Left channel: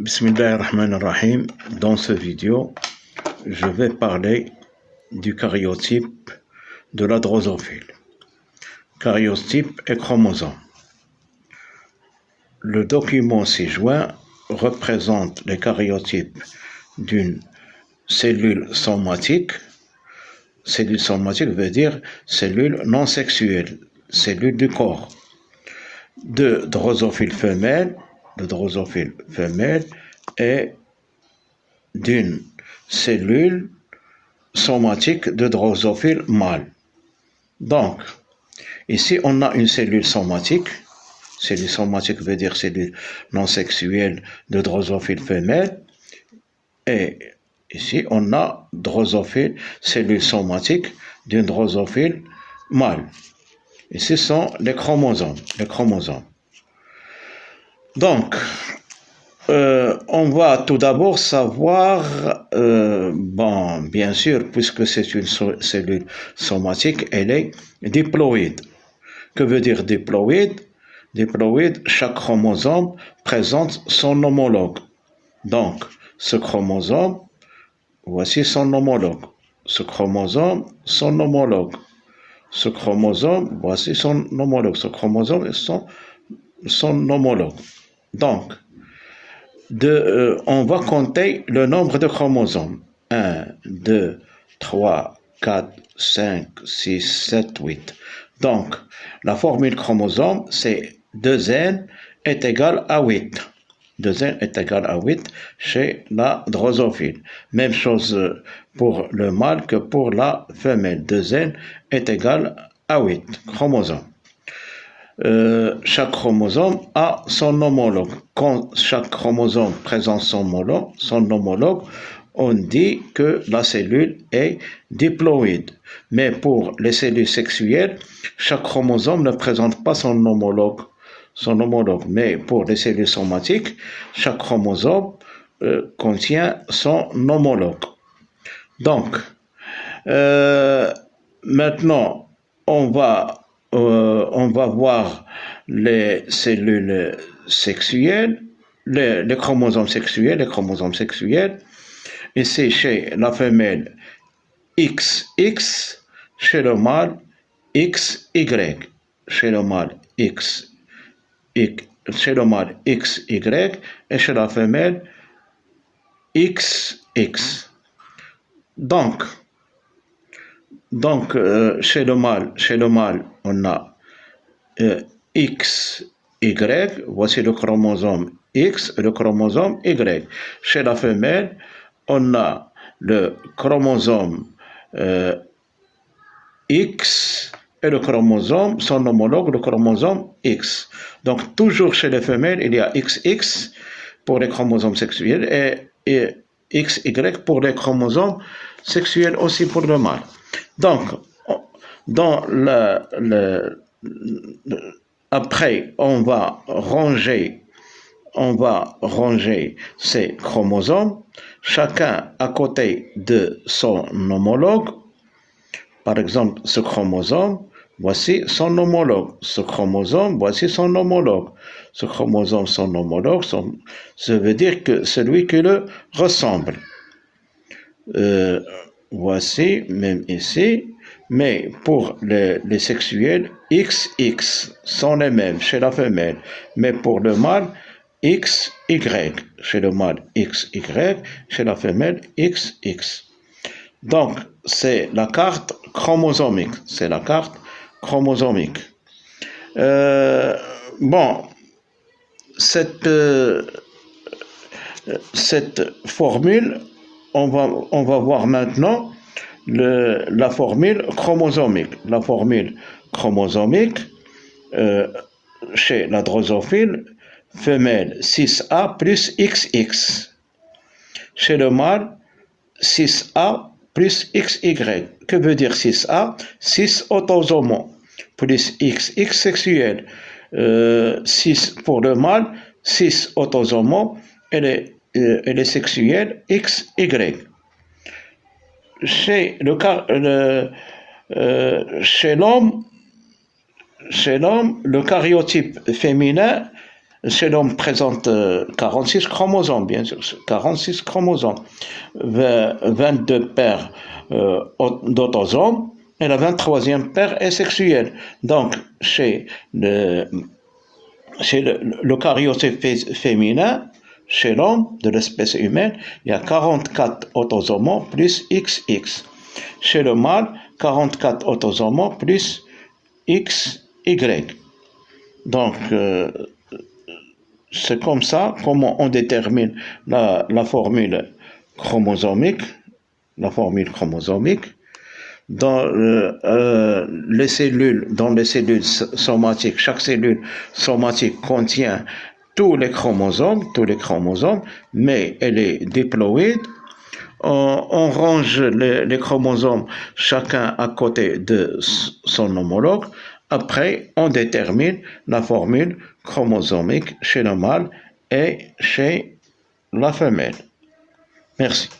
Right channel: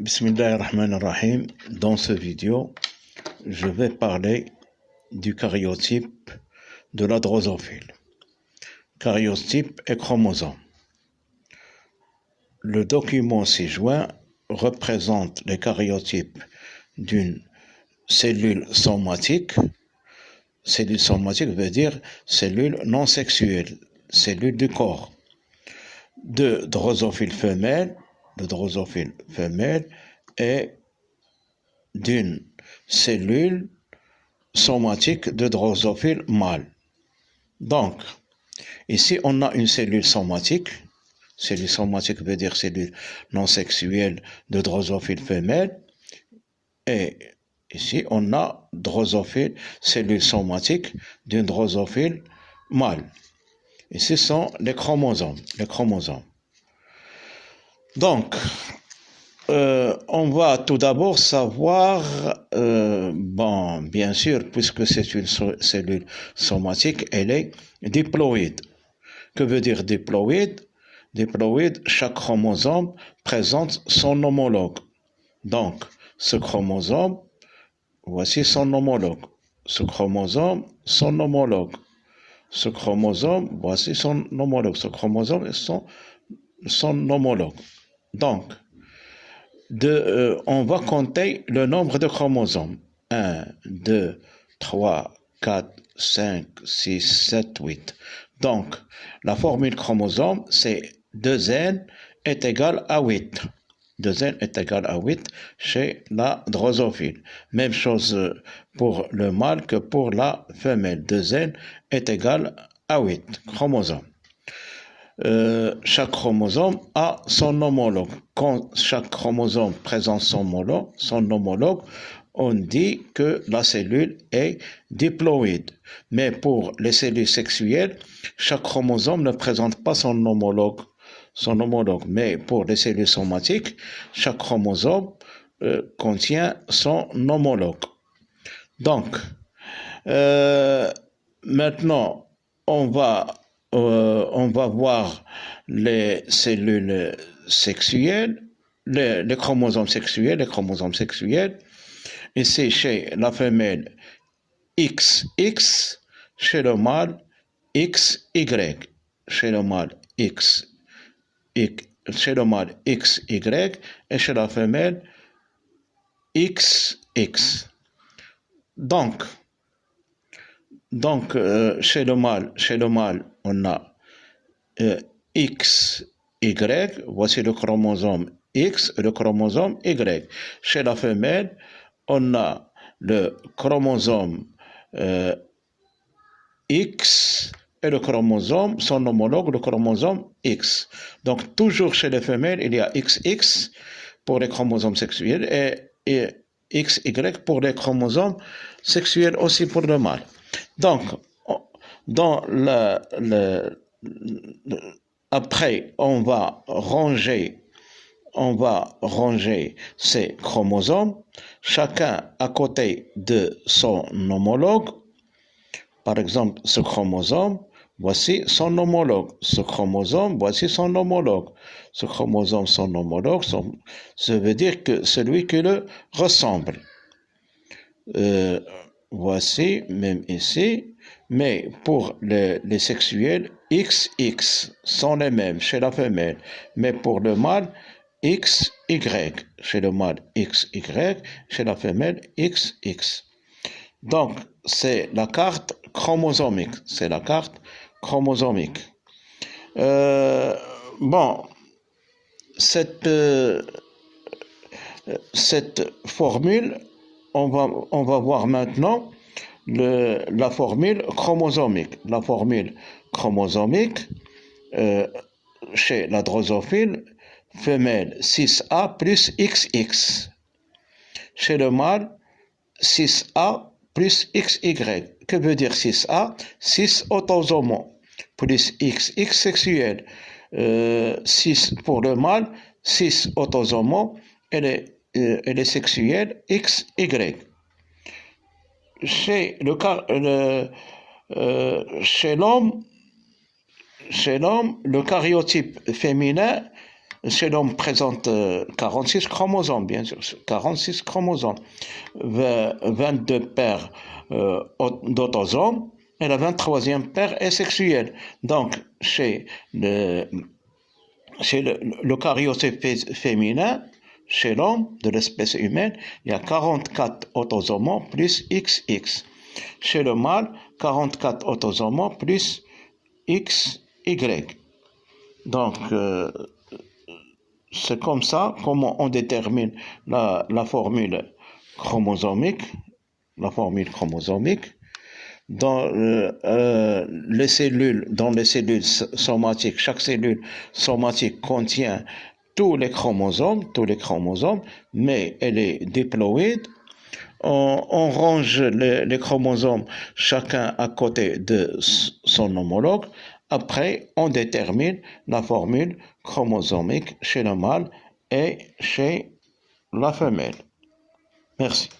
Bismillahirrahmanirrahim. Dans cette vidéo, je vais parler du karyotype de la drosophile. Karyotype et chromosome. Le document ci-joint représente les karyotypes d'une cellule somatique. Cellule somatique veut dire cellule non sexuelle, cellule du corps. De drosophile femelle, et d'une cellule somatique de drosophile mâle. Donc, ici on a une cellule somatique. Cellule somatique veut dire cellule non sexuelle de drosophile femelle. Et ici on a drosophile, cellule somatique d'une drosophile mâle. Et ce sont les chromosomes. Donc, on va tout d'abord savoir, bien sûr, puisque c'est une cellule somatique, elle est diploïde. Que veut dire diploïde? Diploïde, chaque chromosome présente son homologue. Donc, ce chromosome, voici son homologue. Ce chromosome, son homologue. Ce chromosome, voici son homologue. Ce chromosome est son homologue. Donc, on va compter le nombre de chromosomes. 1, 2, 3, 4, 5, 6, 7, 8. Donc, la formule chromosome, c'est 2n est égal à 8. 2n est égal à 8 chez la drosophile. Même chose pour le mâle que pour la femelle. 2n est égal à 8 chromosomes. Chaque chromosome a son homologue. Quand chaque chromosome présente son homologue, on dit que la cellule est diploïde. Mais pour les cellules sexuelles, chaque chromosome ne présente pas son homologue. Mais pour les cellules somatiques, chaque chromosome contient son homologue. Donc, maintenant, on va voir les cellules sexuelles, les chromosomes sexuels. Ici, chez la femelle, XX, chez le mâle, XY. Chez le mâle, XY, et chez la femelle, XX. Donc, chez le mâle, on a XY, voici le chromosome X et le chromosome Y. Chez la femelle, on a le chromosome X et le chromosome, son homologue, le chromosome X. Donc, toujours chez les femelles, il y a XX pour les chromosomes sexuels et XY pour les chromosomes sexuels aussi pour le mâle. Donc, après, on va ranger ces chromosomes, chacun à côté de son homologue. Par exemple, ce chromosome, voici son homologue. Ce chromosome, voici son homologue. Ce chromosome, son homologue, ça veut dire que celui qui le ressemble. Voici, même ici, mais pour les sexuels, XX sont les mêmes chez la femelle, mais pour le mâle, XY, chez le mâle XY, chez la femelle XX. Donc, c'est la carte chromosomique. Cette formule, on va voir maintenant la formule chromosomique. La formule chromosomique chez la drosophile femelle 6A plus XX. Chez le mâle 6A plus XY. Que veut dire 6A? 6 autosomes plus XX sexuel. 6 pour le mâle, 6 autosomes et les sexuels XY. Chez l'homme, le karyotype féminin chez l'homme présente 46 chromosomes, bien sûr, 46 chromosomes, 22 paires d'autosomes, et la 23e paire est sexuelle. Donc, chez l'eucaryote féminin, chez l'homme de l'espèce humaine, il y a 44 autosomes plus XX. Chez le mâle, 44 autosomes plus XY. Donc, c'est comme ça comment on détermine la formule chromosomique. Dans les cellules somatiques, chaque cellule somatique contient tous les chromosomes, mais elle est diploïde. On range les chromosomes chacun à côté de son homologue. Après, on détermine la formule chromosomique chez le mâle et chez la femelle. Merci.